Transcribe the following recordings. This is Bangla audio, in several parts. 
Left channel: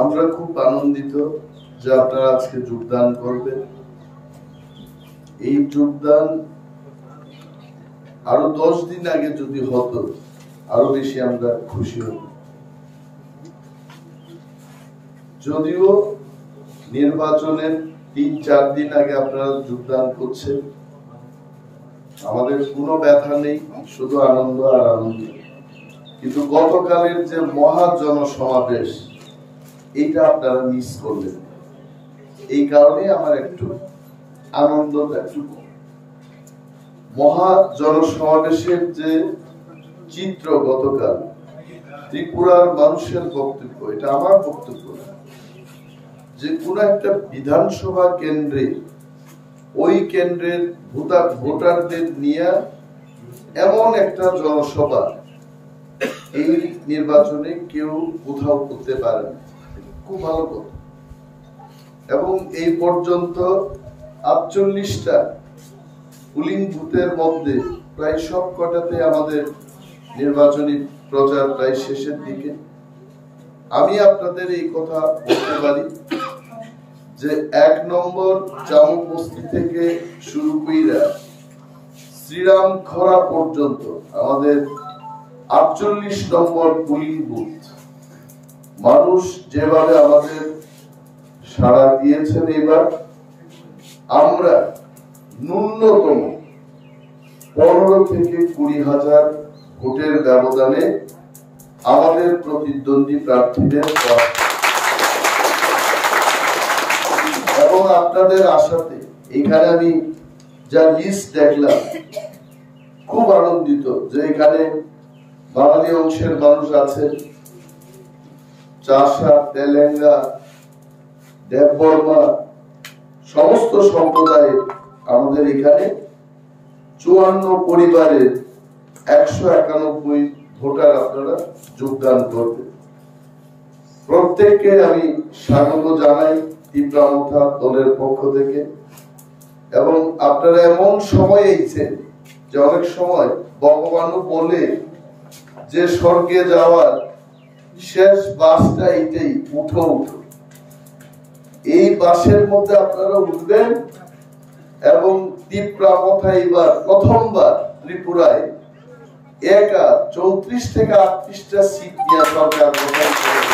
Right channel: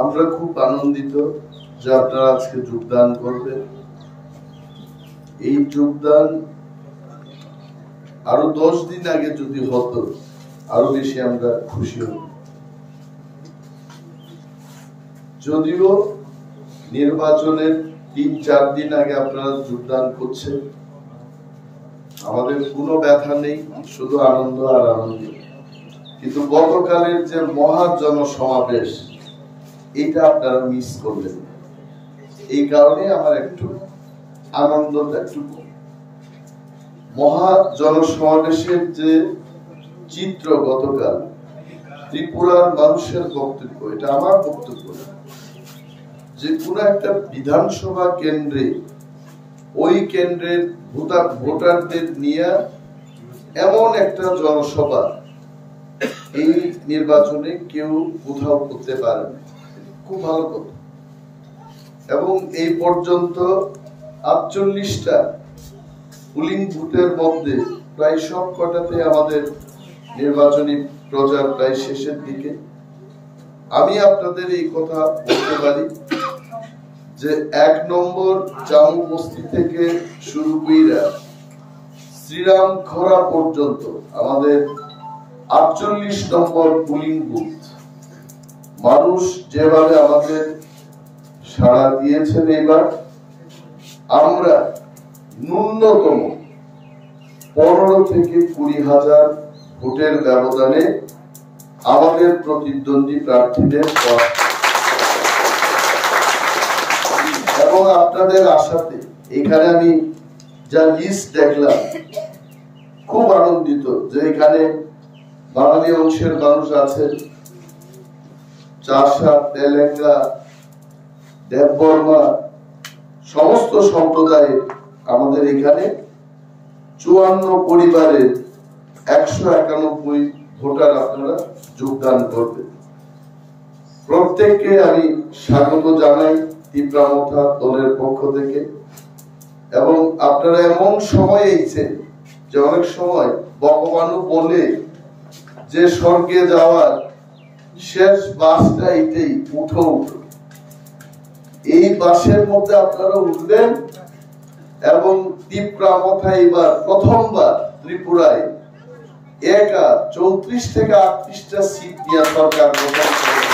আমরা খুব আনন্দিত যে আপনারা আজকে যোগদান করবেন। এই যোগদান আরো 10 দিন আগে যদি হতো আরো বেশি আমরা খুশি হব। যদিও নির্বাচনের 3-4 দিন আগে আপনারা যোগদান করছেন, আমাদের কোনো ব্যথা নেই, শুধু আনন্দ আর আনন্দ। কিন্তু গতকালের যে মহা জনসমাবেশ, এইটা আপনারা মিস করবেন। এই কারণে আমার একটু আনন্দটা একটু কম। মহা জনসমাবেশের যে চিত্র গতকাল, ত্রিপুরার মানুষের বক্তব্য, এটা আমার বক্তব্য না, যে কোনো একটা বিধানসভা কেন্দ্রে ওই কেন্দ্রের ভোটারদের নিয়ে এমন একটা জনসভা এই নির্বাচনে কেউ কোথাও করতে পারে না। খুব ভালো কথা। এবং এই পর্যন্ত 48টা পুলিং বুথের মধ্যে প্রায় সব কটাতে আমাদের নির্বাচনী প্রচার প্রায় শেষের দিকে। আমি আপনাদের এই কথা বলতে পারি যে 1 নম্বর জামু বস্তি থেকে শুরু কইরা শ্রীরাম খরা পর্যন্ত আমাদের 48 নম্বর পুলিং বুথ মানুষ যেভাবে আমাদের সাড়া দিয়েছেন, এবার আমরা ন্যূনতম 15 থেকে 20,000 ভোটের ব্যবধানে আমাদের প্রতিদ্বন্দ্বী প্রার্থীদের এবং আপনাদের আশাতে এখানে আমি যা লিস্ট দেখলাম, খুব আনন্দিত যে এখানে বাঙালি অংশের মানুষ আছে, চাষা, তেলেঙ্গা, দেববর্মা, সমস্ত সম্প্রদায়ের আমাদের এখানে 54 পরিবারের 191 ভোটার আপনারা যোগদান করবেন। প্রত্যেককে আমি স্বাগত জানাই তীব্রামথা দলের পক্ষ থেকে। এবং আপনারা এমন সময় এইছেন যে অনেক সময় ভগবানও বলে যে স্বর্গে যাওয়ার শেষ বাসটা এইটাই, উঠো উঠো। এই বাসের মধ্যে আপনারা উঠবেন এবং তীব্রামথা এবার প্রথমবার ত্রিপুরায় একা 34 থেকে 38টা সিট নিয়ে সরকার গঠন করে।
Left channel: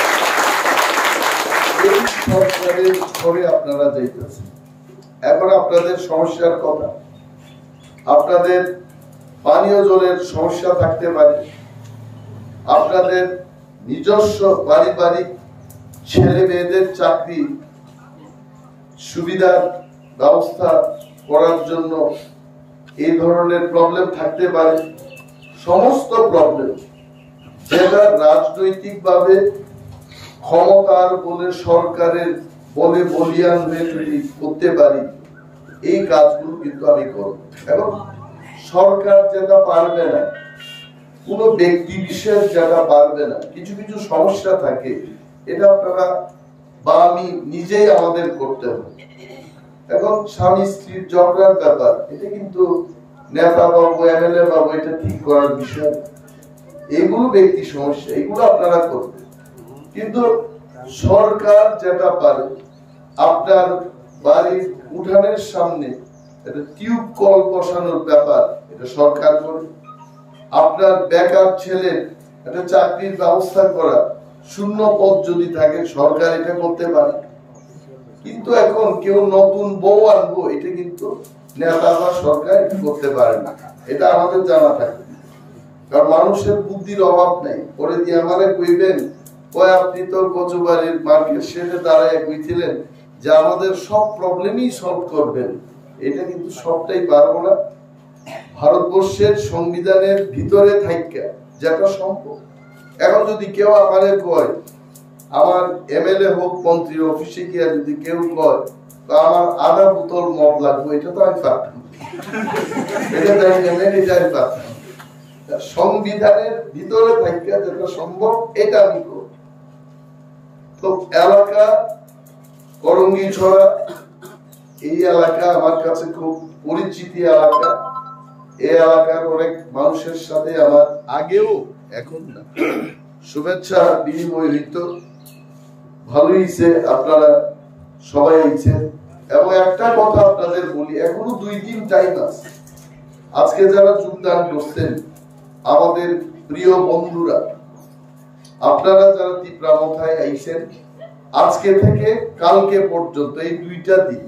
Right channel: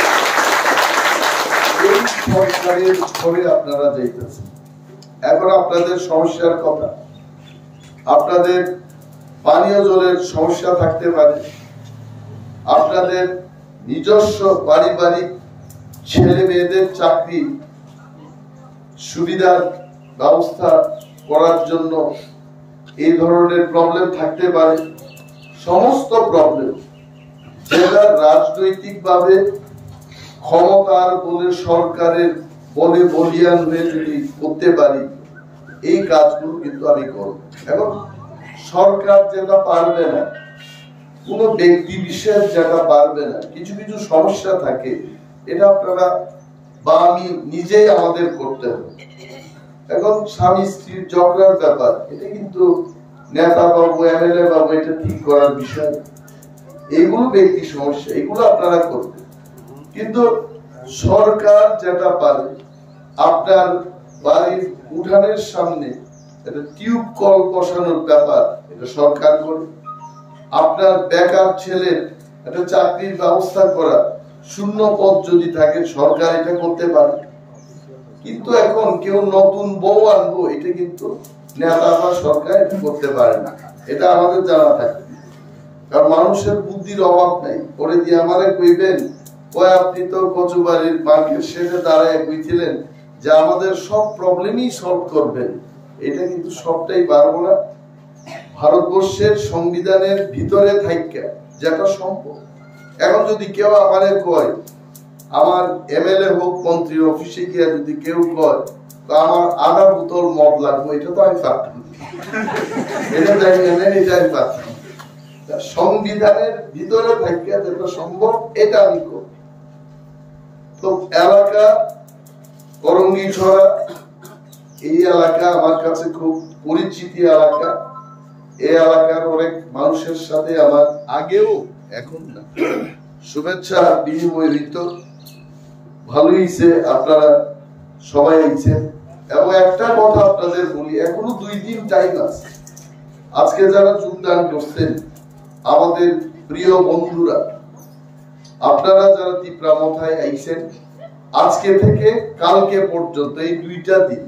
এই সরকারের পরে আপনারা যাইতেছেন। এখন আপনাদের সমস্যার কথা, আপনাদের পানীয় জলের সমস্যা থাকতে পারে, আপনাদের নিজস্ব পারিবারিক ছেলে মেয়েদের চাকরি সুবিধার ব্যবস্থা করার জন্য এই ধরনের প্রবলেম থাকতে পারে। সমস্ত প্রবলেম যেটা রাজনৈতিকভাবে ক্ষমতার বলে সরকারের বলে বলিয়ান হয়ে যদি করতে পারি, এই কাজগুলো কিন্তু আমি করব। এখন সরকার যেটা পারবে না, কোন ব্যক্তি বিশেষ যেটা পারবে না, কিছু কিছু সমস্যা থাকে, এটা আপনারা বা আমি নিজেই আমাদের করতে হবে। এখন স্বামী স্ত্রীর ঝগড়ার ব্যাপার, এটা কিন্তু নেতা বাবু, এমএলএ বাবু এটা ঠিক করার বিষয়। এইগুলো ব্যক্তি সমস্যা, এগুলো আপনারা করবেন। কিন্তু সরকার যেটা পারে, আপনার বাড়ির উঠানের সামনে একটা টিউব কল বসানোর ব্যাপার, এটা সরকার করে। আপনার বেকার ছেলের একটা চাকরির ব্যবস্থা করা, শূন্য পদ যদি থাকে, সরকার এটা করতে পারে। কিন্তু এখন কেউ নতুন বউ আনবো, এটা কিন্তু নেতা বা সরকার এটা করতে পারে না, এটা আমাদের জানা থাকে। কারণ মানুষের বুদ্ধির অভাব নাই। পরে দিয়ে আমারে কইবেন, কয় আপনি তো কচুবাড়ির মার্কেট শেডে দাঁড়ায় কইছিলেন যে আমাদের সব প্রবলেমই সলভ করবেন। এটা কিন্তু সবটাই পারবো না। ভারতবর্ষের সংবিধানের ভিতরে থাইকা যেটা সম্ভব। এখন যদি কেউ আমারে কয়, আমার এমএলএ হোক, মন্ত্রী অফিসে গিয়া যদি কেউ কয় আমার আধা বোতল মদ লাগবে, এটা তো আমি পারতাম, এটা আমি পারতাম। সংবিধানের ভিতরে থাইকা যেটা সম্ভব, এটা আমি করব। তো এলাকা করঙ্গি ছড়া, এই এলাকা আমার কাছে খুব পরিচিতি এলাকা। এই এলাকার অনেক মানুষের সাথে আমার আগেও, এখন না, শুভেচ্ছা বিনিময় হইত। ভালোই হয়েছে আপনারা সবাই আইছেন। এবং একটা কথা আপনাদের বলি, এখনো 2 দিন টাইম আছে। আজকে যারা যোগদান করছেন আমাদের প্রিয় বন্ধুরা, আপনারা যারা তীব্রামথায় আইছেন, আজকে থেকে কালকে পর্যন্ত এই 2টা দিন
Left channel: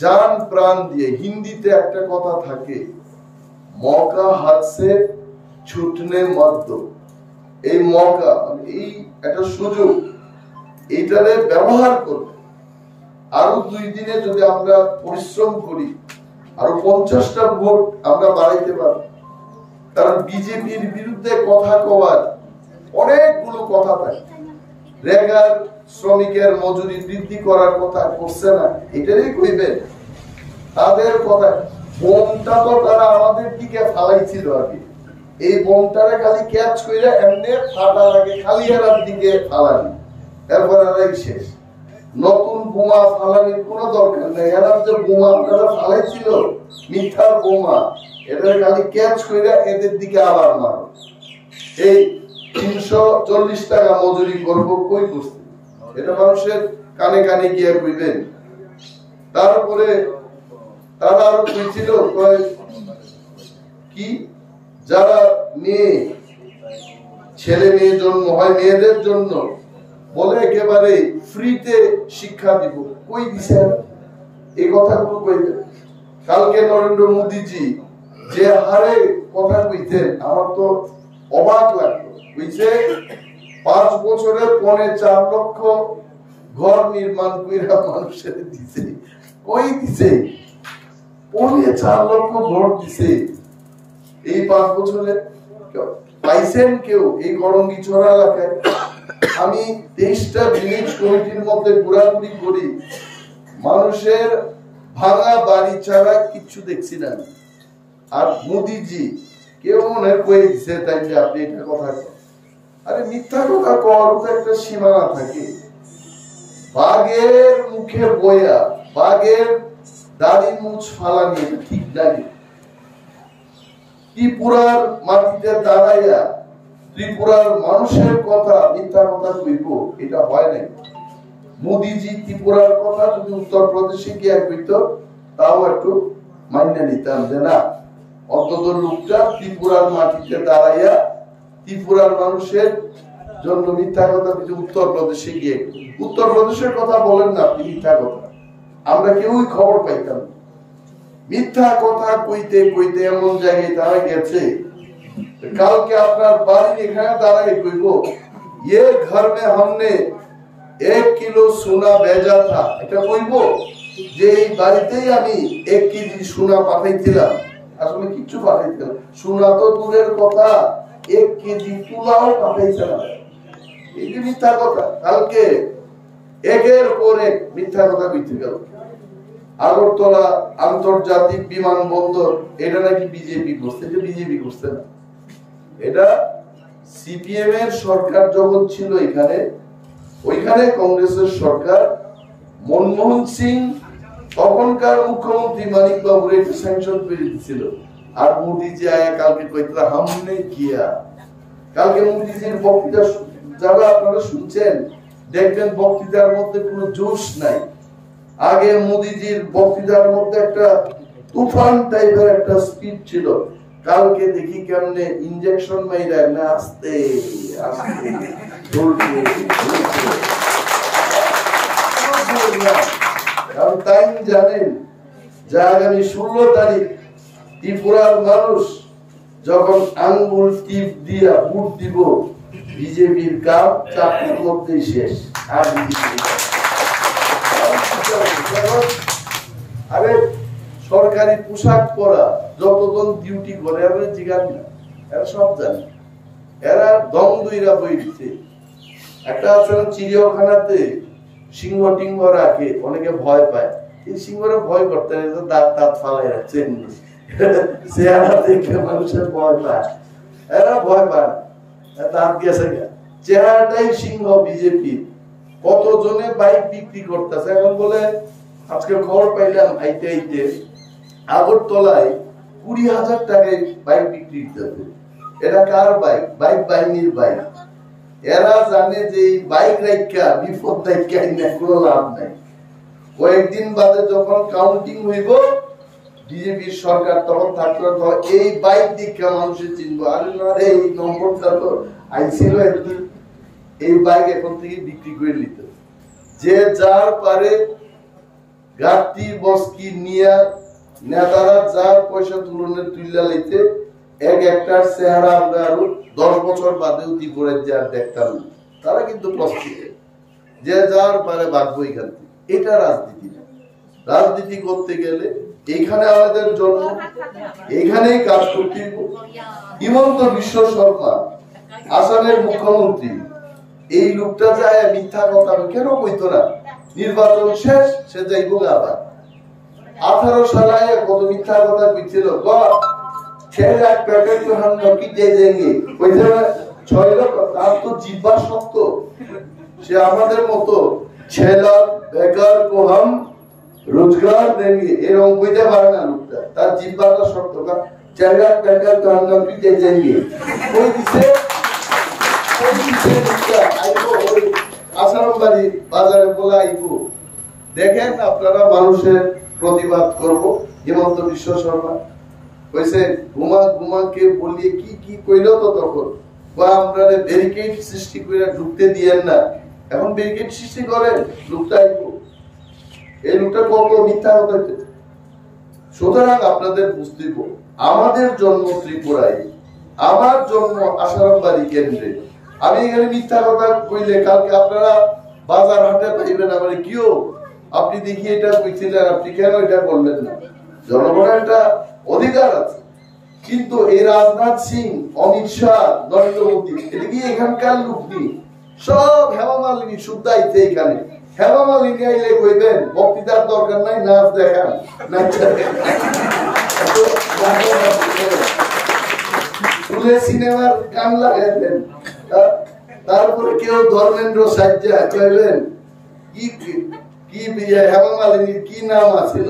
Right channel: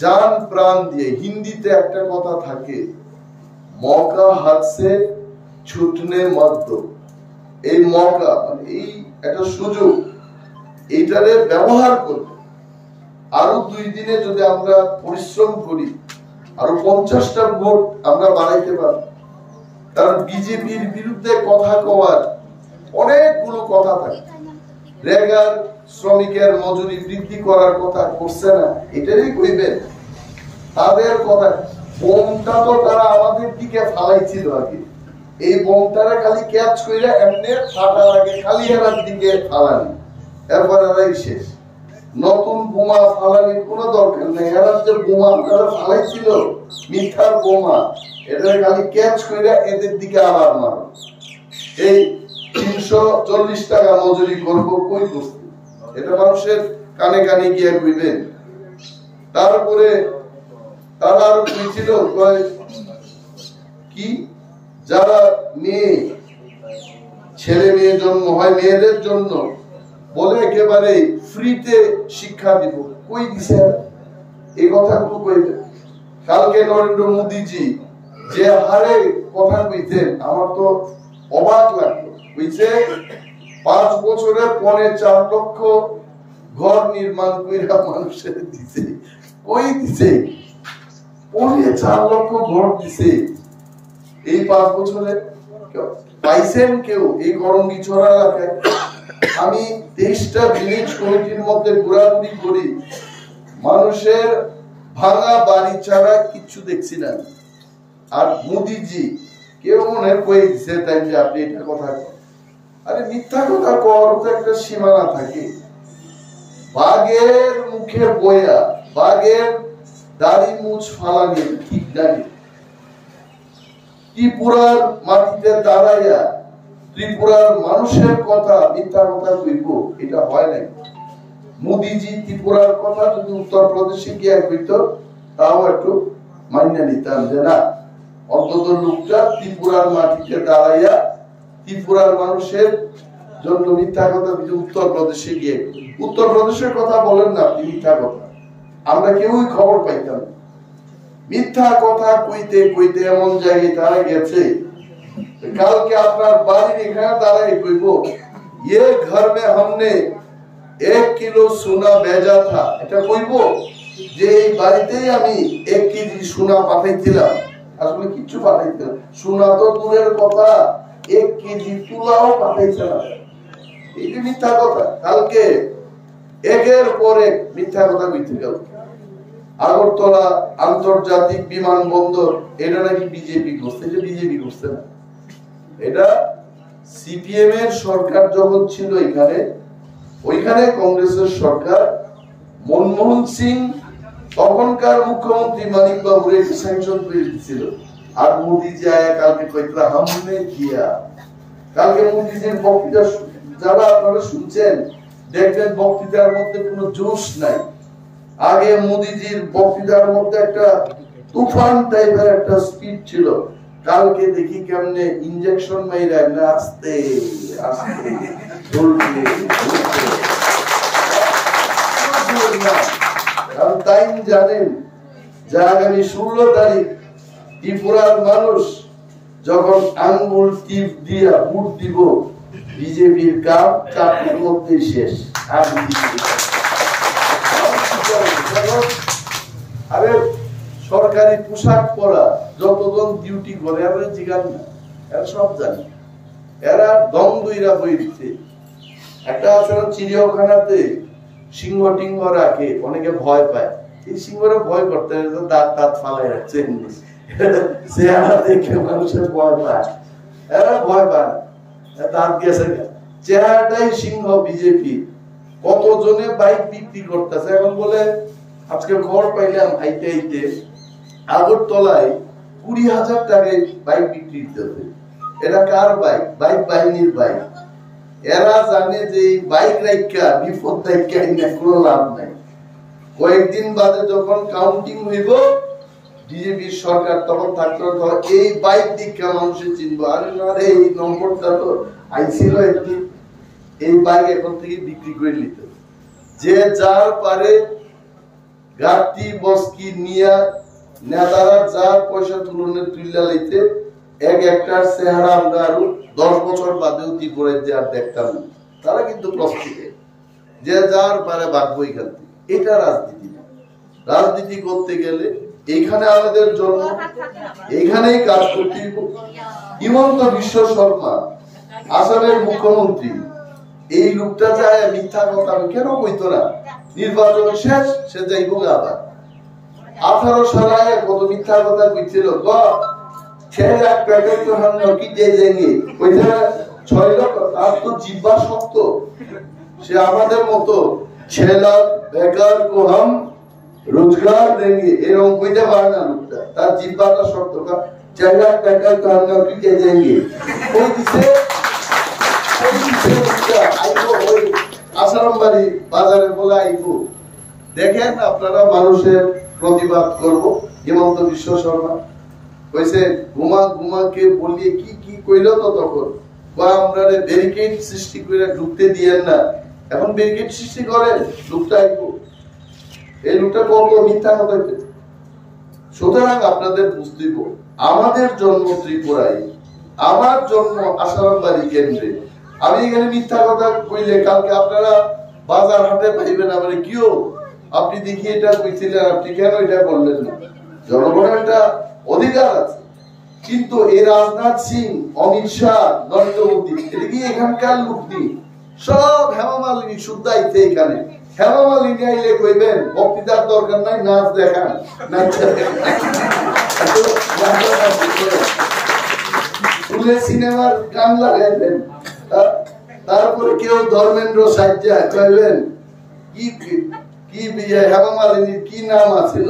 জান প্রাণ দিয়ে, হিন্দিতে একটা কথা থাকে, মৌকা হাত সে ছুটনে মত দো। এই মৌকা মানে এই একটা সুযোগ, এইটারে ব্যবহার করবে। আরো 2 দিনে যদি আমরা পরিশ্রম করি, আরো 50টা ভোট আমরা বাড়াইতে পারব। কারণ বিজেপির বিরুদ্ধে কথা কওয়ার অনেকগুলো কথা থাকে। রেগার শ্রমিকের মজুরি বৃদ্ধি করার কথা করছে না, এটারই কইবেন। তাদের কথা, বোমটা তো তারা আমাদের দিকে ফালাইছিল আগে, এই বোমটারে খালি ক্যাচ কইরা এমনি ফাটার আগে খালি এরার দিকে ফালানি, এরপর এরাই শেষ। নতুন বোমা ফালানির কোনো দরকার নেই। এরার যে বোমা তারা ফালাইছিল, মিথ্যার বোমা, এটা খালি ক্যাচ কইরা এদের দিকে আবার মারো। এই 340 টাকা মজুরি করবো কই করছে, এটা মানুষের কানে কানে গিয়ে কইবেন। তারপরে তারা আরো কইছিল কি, যারা মেয়ে ছেলে মেয়ে জন্ম হয়, মেয়েদের জন্য বলে একেবারে ফ্রিতে শিক্ষা দিব, কই দিছে এই কথাগুলো কইবেন। কালকে নরেন্দ্র মোদীজি যে হারে কথা কইতেন, আমার তো অবাক লাগলো। কইছে 5 বছরে 4.25 লক্ষ ঘর নির্মাণ কইরা মানুষের দিছে। কই দিছে? 4.25 লক্ষ ঘর দিছে এই 5 বছরে। পাইছেন কেউ এই গরঙ্গিছড়া এলাকায়? আমি 23টা ভিলেজ কমিটির মধ্যে ঘোরাঘুরি করি, মানুষের ভাঙা বাড়ি ছাড়া কিচ্ছু দেখছি না। আর মোদিজি কেউ মনে কয়ে দিছে তাই যে আপনি এটা কথা কর। আরে মিথ্যা কথা কর তো একটা সীমানা থাকে। বাঘের মুখে বয়া, বাঘের দাড়ি মুছ ফালানি ঠিক লাগে। ত্রিপুরার মাটিতে দাঁড়াইয়া ত্রিপুরার মানুষের কথা মিথ্যা কথা কইব, এটা হয় নাই। মোদিজি ত্রিপুরার কথা যদি উত্তরপ্রদেশে গিয়ে কইত, তাও একটু মান্য নিতাম যে না, অন্তত লোকটা ত্রিপুরার মাটিতে দাঁড়াইয়া ত্রিপুরার মানুষের জন্য মিথ্যা কথা উত্তরপ্রদেশে গিয়ে। উত্তরপ্রদেশের কথা বলেন না আপনি, মিথ্যা কথা আমরা কেউই খবর পাইতাম। মিথ্যা কথা কইতে কইতে এমন জায়গায় তারা গেছে, কালকে আপনার বাড়ির এখানে দাঁড়াই কইব, ये घर में हमने 1 किलो सोना भेजा था। এটা কইব যে এই বাড়িতেই আমি 1 কেজি সোনা পাঠাইছিলাম। আসলে কিচ্ছু পাঠাইছিলাম, সোনা তো দূরের কথা, 1 কেজি তুলাও পাঠাইছিলাম। এই যে মিথ্যা কথা, কালকে একের পর এক মিথ্যা কথা কইতে গেল। আগরতলা আন্তর্জাতিক বিমানবন্দর, এটা নাকি বিজেপি করছে। এটা বিজেপি করছে না, এটা সিপিএম এর সরকার যখন ছিল এখানে, ওইখানে কংগ্রেসের সরকার, মনমোহন সিং তখনকার মুখ্যমন্ত্রী মানিক বাবুর একটু স্যাংশন করে দিয়েছিল। আর মোদিজি আয়া কালকে কইতরা হামনে কিয়া। কালকে মোদিজির বক্তৃতা যারা আপনারা শুনছেন, দেখবেন বক্তৃতার মধ্যে কোনো জোশ নাই। আগে মোদিজির বক্তৃতার মধ্যে একটা তুফান টাইপের একটা স্পিড ছিল। কালকে দেখি কেমনে ইনজেকশন মাইরা না আস্তে আস্তে কারণ তাই জানেন যে আগামী 16 তারিখ ত্রিপুরার মানুষ যখন আঙ্গুল টিপ দিয়া ভোট দিব, বিজেপির কাপ চাপের মধ্যেই শেষ। আরে সরকারি পোশাক পরা যতজন ডিউটি করে এরা জিগান না, এরা সব জানে। এরা দম দুইরা বই দিতে। একটা আছে না চিড়িয়াখানাতে সিংহ টিংহ রাখে, অনেকে ভয় পায়। এই সিংহরে ভয় করতে দাঁত দাঁত ফালাই রাখছে, চেহারা দেখে মানুষের ভয় পায়। এরা ভয় পায়, দাঁত গেছে, চেহারাটাই সিংহ বিজেপি। কতজনে বাইক বিক্রি করতেছে। এখন বলে আজকে খবর পাইলাম আইতে আইতে আগরতলায় 20,000 টাকায় বাইক বিক্রি করতেছে। এটা কার বাইক? বাইক বাহিনীর বাইক। এরা জানে যে এই বাইক রাইকা বিপদ রাইকা কোনো লাভ নাই। কয়েকদিন বাদে যখন কাউন্টিং হইব বিজেপির সরকার তখন থাকতো, এই বাইক দীক্ষা মানুষের চিনবো, আরে না রে এই নম্বরটা তো আইছিল একদিন, এই বাইক এখন থেকে বিক্রি করে নিতে। যে যার পারে গাড়ি বস্কি নিয়া নেতারা যার পয়সা তুলনের তুইলা লাইতে এক একটার চেহারা আমরা আরো 10 বছর বাদেও ত্রিপুরায় যে আর দেখতাম না। তারা কিন্তু প্রস্তুত, যে যার পারে ভাগবো এখান থেকে। এটা রাজনীতি না। রাজনীতি করতে গেলে এখানে আমাদের জন্ম, এখানেই কাজ করতে হইব। হিমন্ত বিশ্ব শর্মা আসামের মুখ্যমন্ত্রী, এই লোকটা যায় মিথ্যা কথা কেন কইতো না? নির্বাচন শেষ, সে যাইব আবার 18 সালে কত মিথ্যা কথা কইছিল, 6 লাখ প্যাকেট তো हम नौकी दे देंगे, কইতে 6 লাখ, তার তো জিহ্বা শক্ত। সে আমাদের মতো 6 লাখ বেকার को हम रोजगार देंगे এরকম কইতে পারে না লোকটা, তার জিহ্বাটা শক্ত। 6 লাখ প্যাকেট তো हम नौकी दे देंगे কই দিছে, আইবো ওই আসারামবাড়ি বাজারে বলে আইবো। দেখেন আপনারা মানুষের প্রতিবাদ করব। হিমন্ত বিশ্ব শর্মা কইছে ঘুমাকে বলিয়ে কি কি কইলো তো তখন, বা আমরা ব্যারিকেড সৃষ্টি করে ঢুকতে দিয়েন না, এখন ব্যারিকেড সৃষ্টি করেন, লোকটা আইবো। এই লোকটা কত মিথ্যা কথা। সুতরাং আপনাদের বুঝতে হবে, আমাদের জন্ম ত্রিপুরায়, আমার জন্ম আসারামবাড়ি কেন্দ্রে। আমি এখানে মিথ্যা কথা কইলে কালকে আপনারা বাজার হাটে পাইবেন আমার কিও আপনি দেখি এটা কইছিলেন, আপনি কেন এটা করলেন না? জনগণের একটা অধিকার আছে। কিন্তু এই রাজনাথ সিং, অমিত শাহ, নরেন্দ্র মোদী, এটা কি এখানকার লোক নেই? সব হেমা মালিনী শুদ্ধ আইছে এখানে। হেমা মালিনী আইলে কইবেন বক্তৃতার দরকার নাই, নাচ দেখান, সিনেমার গান লাগাইবেন। তারপরে কেউ ধর্মেন্দ্র সাজ্জা কইবেন কি কি হেমা মালিনীর কি নাম আছিল,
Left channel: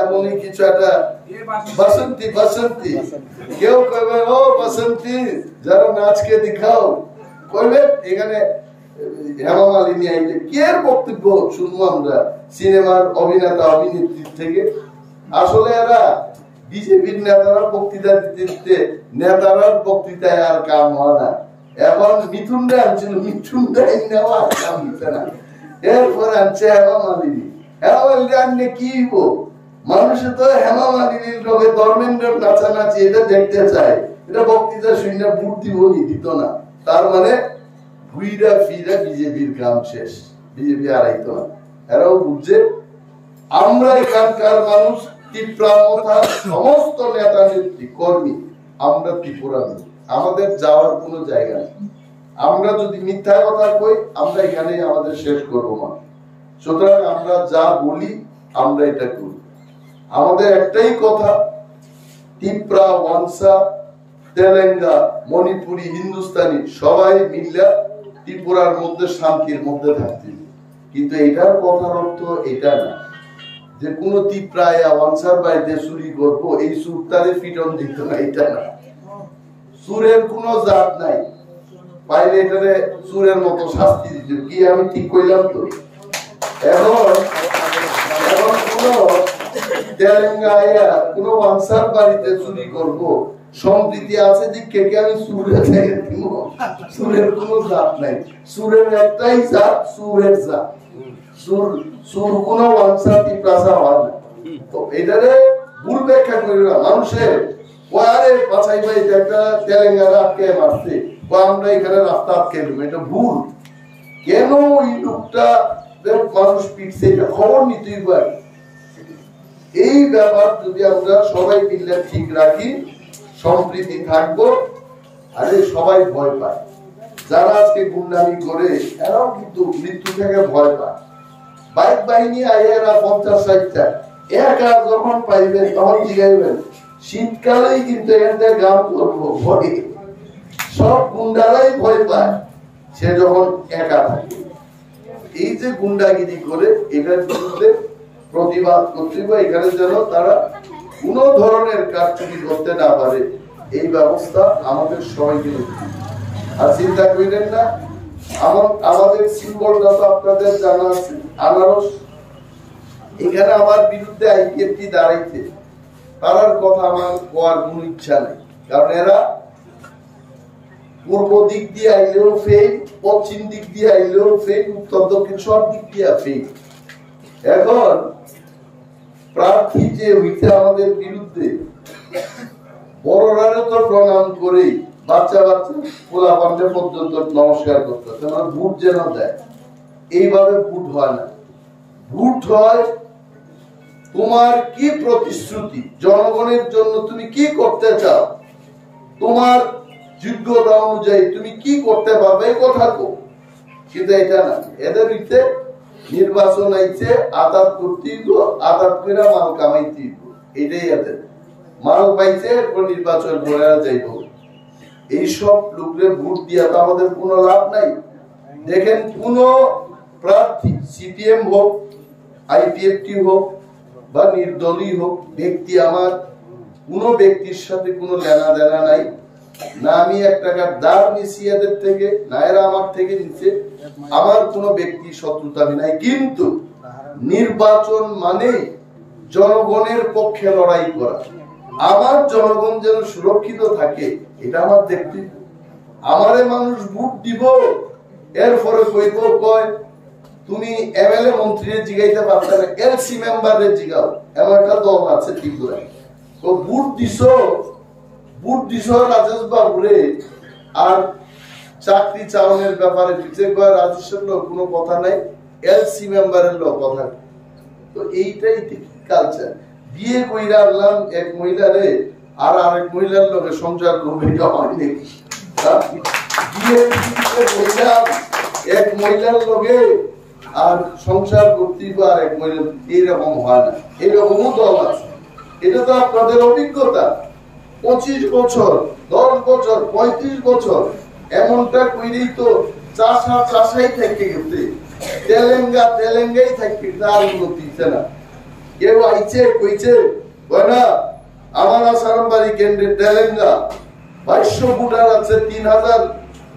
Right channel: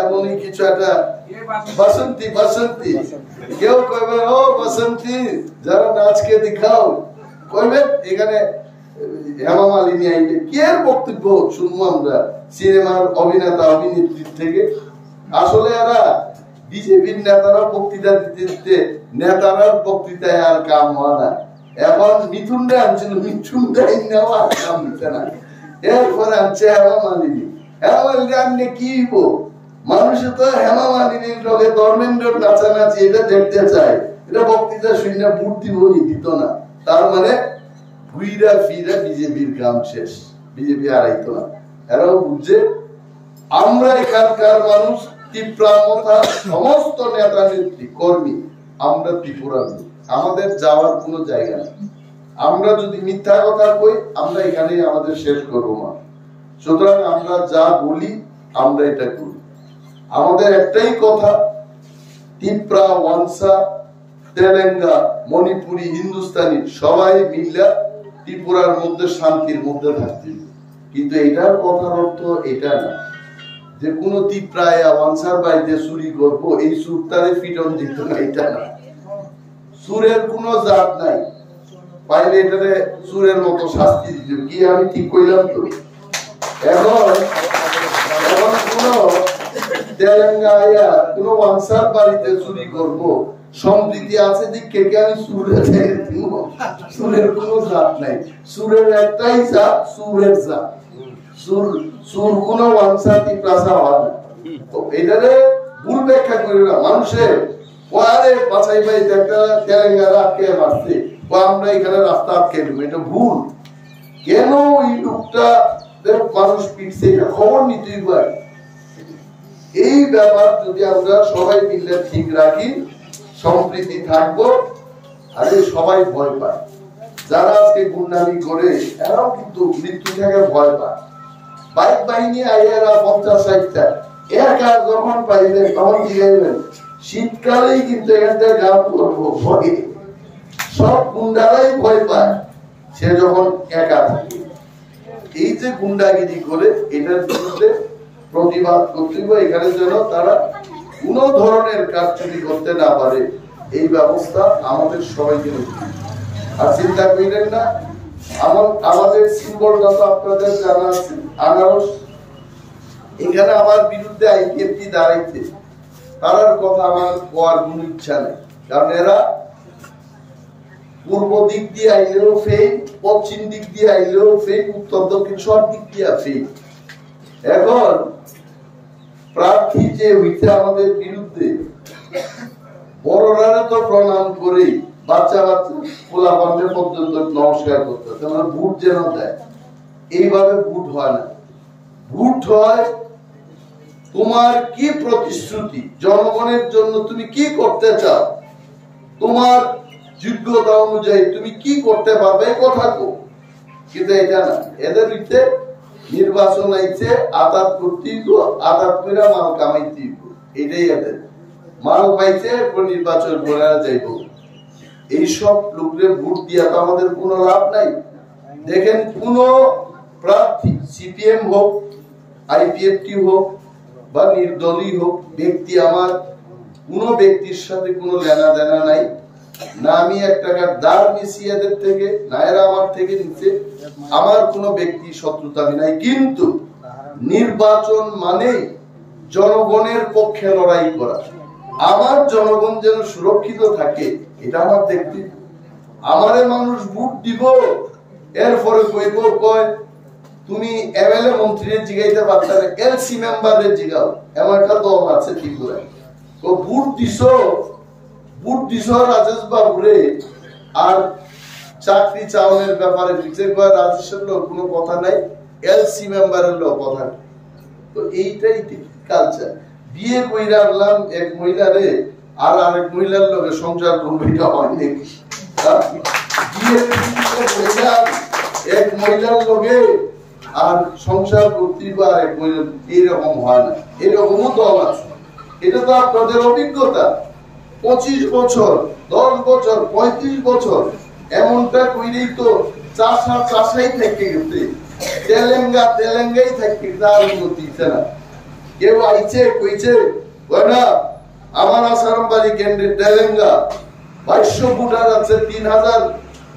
এমনই কিছু একটা বসন্তী, বসন্তী। কেউ কইবে ও বসন্তী যারা নাচকে দেখাও, কইবেন এখানে হেমা মালিনী আইলে। কি এর বক্তব্য শুনবো আমরা সিনেমার অভিনেতা অভিনেত্রীর থেকে? আসলে এরা বিজেপির নেতারা বক্তৃতা দিতে দিতে নেতারার বক্তৃতায় আর কাম হয় না। এখন মিথুনরা আনছিল, মিথুনরা নেওয়া আর কাম দিতে না। এরপর আনছে হেমা মালিনী। হেমা মালিনী আনলে কি হইব? মানুষে তো হেমা মালিনীর লোকে ধর্মেন্দ্রের নাচানাচি এটা দেখতে চায়। এটা বক্তৃতা শুনে ভোট দিবনি, দিত না। তার মানে ঘুইরা ফিরা বিজেপির কাম শেষ, বিজেপি আর আইতো না। এরাও বুঝছে আমরা এখানকার মানুষ তীব্রামতা, সমস্ত নেতা নেত্রী কর্মী আমরা ত্রিপুরা, আমাদের যাওয়ার কোনো জায়গা নেই। আমরা যদি মিথ্যা কথা কই আমরা এখানে আমাদের শেষ করবো না। সুতরাং আমরা যা বলি আমরা এটা করি। আমাদের একটাই কথা, ত্রিপুরা, ওয়ানসা, তেলেঙ্গা, মণিপুরি, হিন্দুস্তানি সবাই মিলে ত্রিপুরার মধ্যে শান্তির মধ্যে থাকতে। কিন্তু এটার কথার অর্থ এটা না যে কোন ত্রিপুরায় ওয়ানসার বাড়িতে চুরি করবো, এই সুরটারে পিটন দিত না, এটা না। সুরের কোন জাত নাই, পাইলে এটারে সুরের মতো শাস্তি দিত। কি আমি ঠিক কইলাম তো? এখন কোন তেলেঙ্গানা কোন ওয়ানসার বাড়িতে চুরি করব, সম্প্রীতি আছে দিকে কে আমি সুরে দিব? সুরের কোন জাত নাই। সুরের একটাই জাত, সুরের জাত। সুর কোন ওয়ানসার ত্রিপ্রাসা হয় না। তো এটারে ভুল ব্যাখ্যা করে না মানুষের। আরে বাছাই বাড়িতে একটা তেলেঙ্গানা আটকে মারছে, আমরা এখানে রাস্তা আটকে দেবো, এটা ভুল। কেন ওই লোকটা মানুষ পিটছে এটা খবর নিতেই পারে। এই ব্যাপার যদি আমরা সবাই মিলে ঠিক রাখি, সম্প্রীতি থাকবো। আরে সবাই ভয় পায়, যারা আজকে গুন্ডামি করে এরাও কিন্তু মৃত্যু থেকে ভয় পায়। বাইক বাহিনী আইয়ারা 50-60টা একা যখন পাইবেন তখন জিগাইবেন শীতকালেই কিন্তু এখানটা গান করবো ভয়ে। সব গুন্ডারাই ভয় পায় সে যখন একা থাকে। এই যে গুন্ডাগিরি করে এটার বিরুদ্ধে প্রতিবাদ করতে হবে। এখানে যেন তারা কোন ধরনের কারচুপি করতে না পারে এই ব্যবস্থা আমাদের সবাইকে নিতে। আর চিন্তা করিলেন না, আমাদের সিম্বলটা তো আপনাদের জানা আছে, আনারস। এখানে আমার বিরুদ্ধে আইপিএফটি দাঁড়াইছে, তার কথা আমার কোয়ার কোন ইচ্ছা নাই, কারণ এরা পূর্ব দিক দিয়ে আইলেও ফেল, পশ্চিম দিক দিয়ে আইলেও ফেল, উত্তর দক্ষিণ সব দিক দিয়ে ফেল। এখন প্রার্থী যে হইতে আমাদের বিরুদ্ধে, বড়রা তো প্রণাম করে বাচ্চা বাচ্চা পোলা পান্ডে পর্যন্ত নমস্কার করতে, মানে ভোট যেন দেয়। এইভাবে ভোট হয় না। ভোট হয় তোমার কি প্রতিশ্রুতি, জনগণের জন্য তুমি কি করতে চাও, তোমার যোগ্যতা অনুযায়ী তুমি কি করতে পারবে এই কথা কো। কিন্তু এটা না, এদের হইতে নির্বাচন আইছে আদাত করতেই তো, আদাত করে মাল কামাইতেই তো, এটাই এদের মাল পাইছে, এরপর নির্বাচন করে যাইব। এইসব লোকদের ভোট দিয়া তো আমাদের কোনো লাভ নাই। দেখেন কোন প্রার্থী, সিপিএম হোক, আইপিএফটি হোক বা নির্দলীয় হোক, ব্যক্তি, আমার কোন ব্যক্তির সাথে কোনো লেনা দেনা নাই, না আমি 1 টাকার দাঁড় নিছি এদের থেকে, না এরা আমার থেকে নিচ্ছে, আমার কোনো ব্যক্তি শত্রুতা নাই। কিন্তু নির্বাচন মানে জনগণের পক্ষে লড়াই করা, আমার জনগণ যেন সুরক্ষিত থাকে, এটা আমার দেখতে। আমারে মানুষ ভোট দিব, এরপরে কইব কয় তুমি এমএলএ মন্ত্রীর জিগাইতে পারতে না, এলসি মেম্বারের জিগাও। এমন একটা দল আছে ত্রিপুরায়, তো ভোট দিছ রাজেশ বাবুরে, আর চাকরি চাওনের ব্যাপারে পিছিয়ে কয় রাজেশের লোক কোনো কথা নাই, এলসি মেম্বারের লোক কথা। তো এইটাই কালচার। বিয়ে কইরা আনলাম এক মহিলারে, আর আরেক মহিলার লোকে সংসার করবে, এটা হয় নাকি? বিয়ে কইলাম এক মহিলার লোকে, আর সংসার করতে আর এক মহিলা, এইরকম হয় না। এরকমও দল আছে। এটা তো আপনাদের অভিজ্ঞতা। 25 বছর, 10 বছর, 35 বছর এমনটা কইরেই তো চাষাই থেকে গেছে, তেলেঙ্গাই থেকে, তার উন্নতি হচ্ছে না। কেউ আইছে কইছে না আমার আসারামবাড়ি কেন্দ্রে তেলেঙ্গা 2200 ভোটার আছে, 3000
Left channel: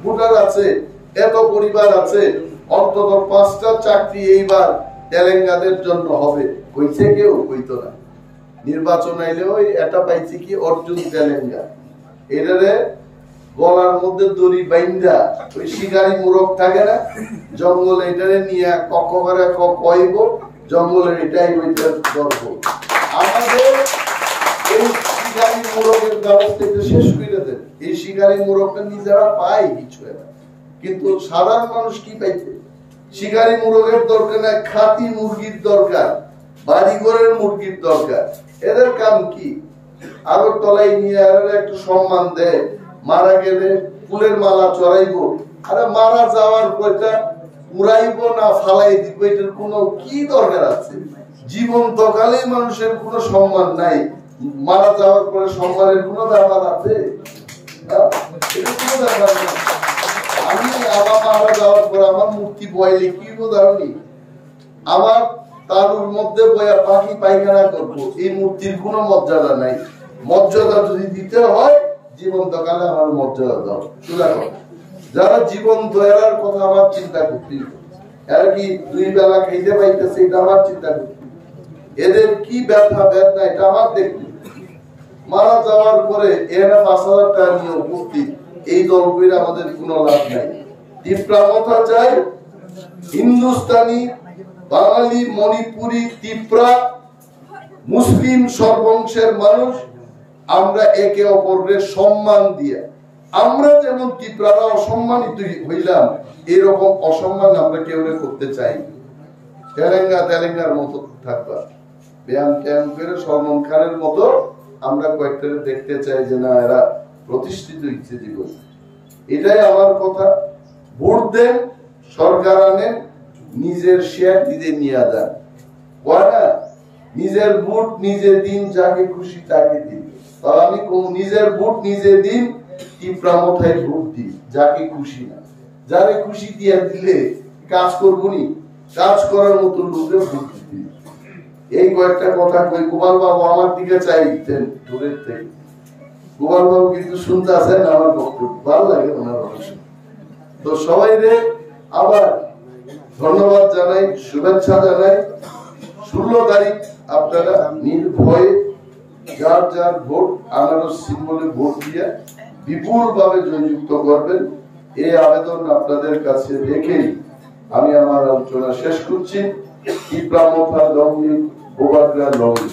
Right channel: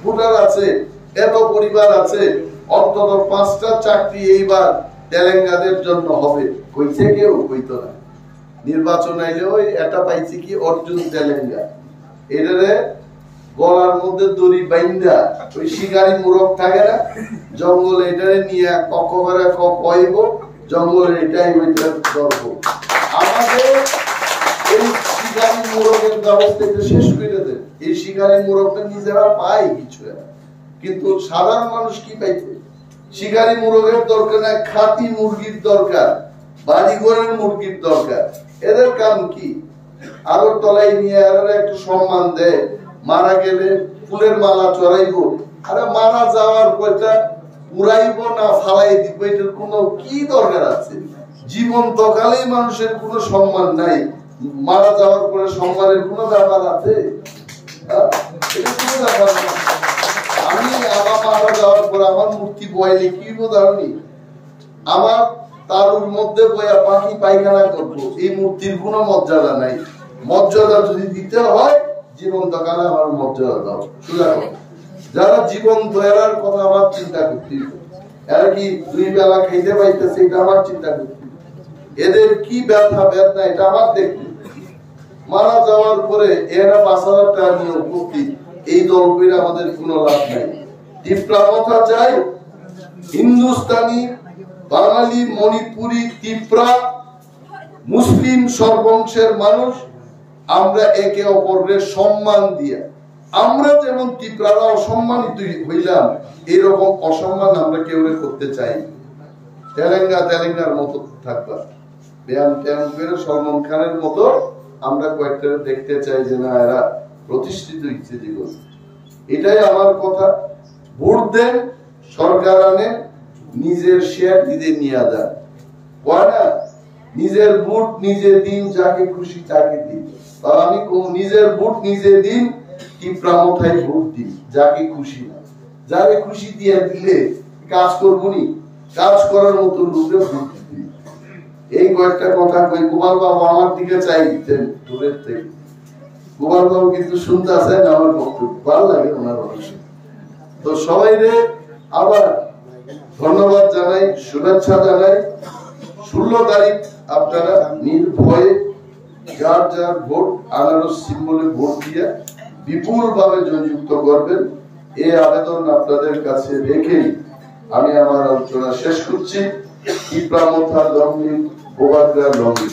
ভোটার আছে, এত পরিবার আছে, অন্তত 5টা চাকরি এইবার তেলেঙ্গাদের জন্য হবে, কইছে কেউ? কইতো না। নির্বাচন আইলে ওই এটা পাইছে কি অর্জুন তেলেঙ্গা, এটারে গলার মধ্যে দড়ি বাইন্দা, ওই শিকারি মুরগ থাকে না জঙ্গলে, এটারে নিয়ে ককবারে কইব জঙ্গলের, এটাই ওইটার গর্ব। আমাদের এই শিকারি মুরগের ব্যবস্থা একটু শেষ করে দেন। এই শিকারি মুরগটা নিজেরা পায় কিছু না, কিন্তু সাধারণ মানুষ কি পাইছে? শিকারি মুরগের দরকার না, খাঁটি মুরগির দরকার, বাড়িঘরের মুরগির দরকার। এদের কাম কি? আগরতলায় নিয়ে একটু সম্মান দেয়, মারা গেলে ফুলের মালা চড়াইবো, আরে মারা যাওয়ার পয়টা উড়াইবো না ফালাই দিব, এটার কোনো কি দরকার আছে? জীবন্ত কালেই মানুষের কোনো সম্মান নাই, মারা যাওয়ার পরে সম্মানের কোনো ব্যাপার আছে? এটা কোনো ব্যাপার না। আমি আমার মারা যাওয়ার পরে আমার মূর্তি বয়ালে কি বোধারণী, আমার তারুর মধ্যে বয়া পাখি পায়খানা করবো, এই মূর্তির কোনো মর্যাদা নাই। মর্যাদা যদি দিতে হয় জীবন্ত কালে আমার মর্যাদা দাও, সোজা কথা। যারা জীবন্ত এরার কথা আমার চিন্তা করতে, এরা কি 2 বেলা খাইতে পাইতেছে, এটা আমার চিন্তা করতে। এদের কি ব্যথা বেদনা এটা আমার দেখতে। মারা যাওয়ার পরে এরা 5,000 টাকা নিয়ে উপস্থিত, এই দল করে আমাদের কোনো লাভ নাই। তীব্রামতা চাই, হিন্দুস্তানি, বাঙালি, মণিপুরি, ত্রিপুরা, মুসলিম সর্বংশের মানুষ, আমরা একে অপরের সম্মান দিয়ে, আমরা যেমন ত্রিপুরারা অসম্মানিত হইলাম, এরকম অসম্মান আমরা কেউ করতে চাই। তেলেঙ্গার মতো থাকবা, ব্যায়াম ট্যায়াম করে সলমন খানের মতো আমরা কয়েকটা দেখতে চাই যে না এরা প্রতিষ্ঠিত হচ্ছে জীবন। এটাই আমার কথা। ভোট দেন, সরকার আনেন, নিজের শেয়ার নিজে নিয়ে যান। না নিজের ভোট নিজে দিন, যাকে খুশি তাকে দিন। আমি নিজের ভোট নিজে দিন, তীব্রামথায় ভোট দিন, যাকে খুশি না। যারে খুশি দিয়ে দিলে কাজ করবো নি, কাজ করার মতো লোকের ভোট দিন। এই কয়েকটা কথা কই। গোপাল বাবু আমার দিকে চাইতেন দূরের থেকে। গোপাল বাবু কিন্তু শুনতে আসেন আমার বক্তব্য, ভালো লাগে ওনার অনেক। তো সবাই রে আবার ধন্যবাদ জানাই, শুভেচ্ছা জানাই। 16 তারিখ আপনারা নির্ভয়ে যার যার ভোট আনারস সিম্বলে ভোট দিয়ে বিপুল ভাবে জয়যুক্ত করবেন। এই আবেদন আপনাদের কাছে রেখেই আমি আমার আলোচনা শেষ করছি। ইপ্রামথা লগ্নি ওবাগ্রা লগ্নি।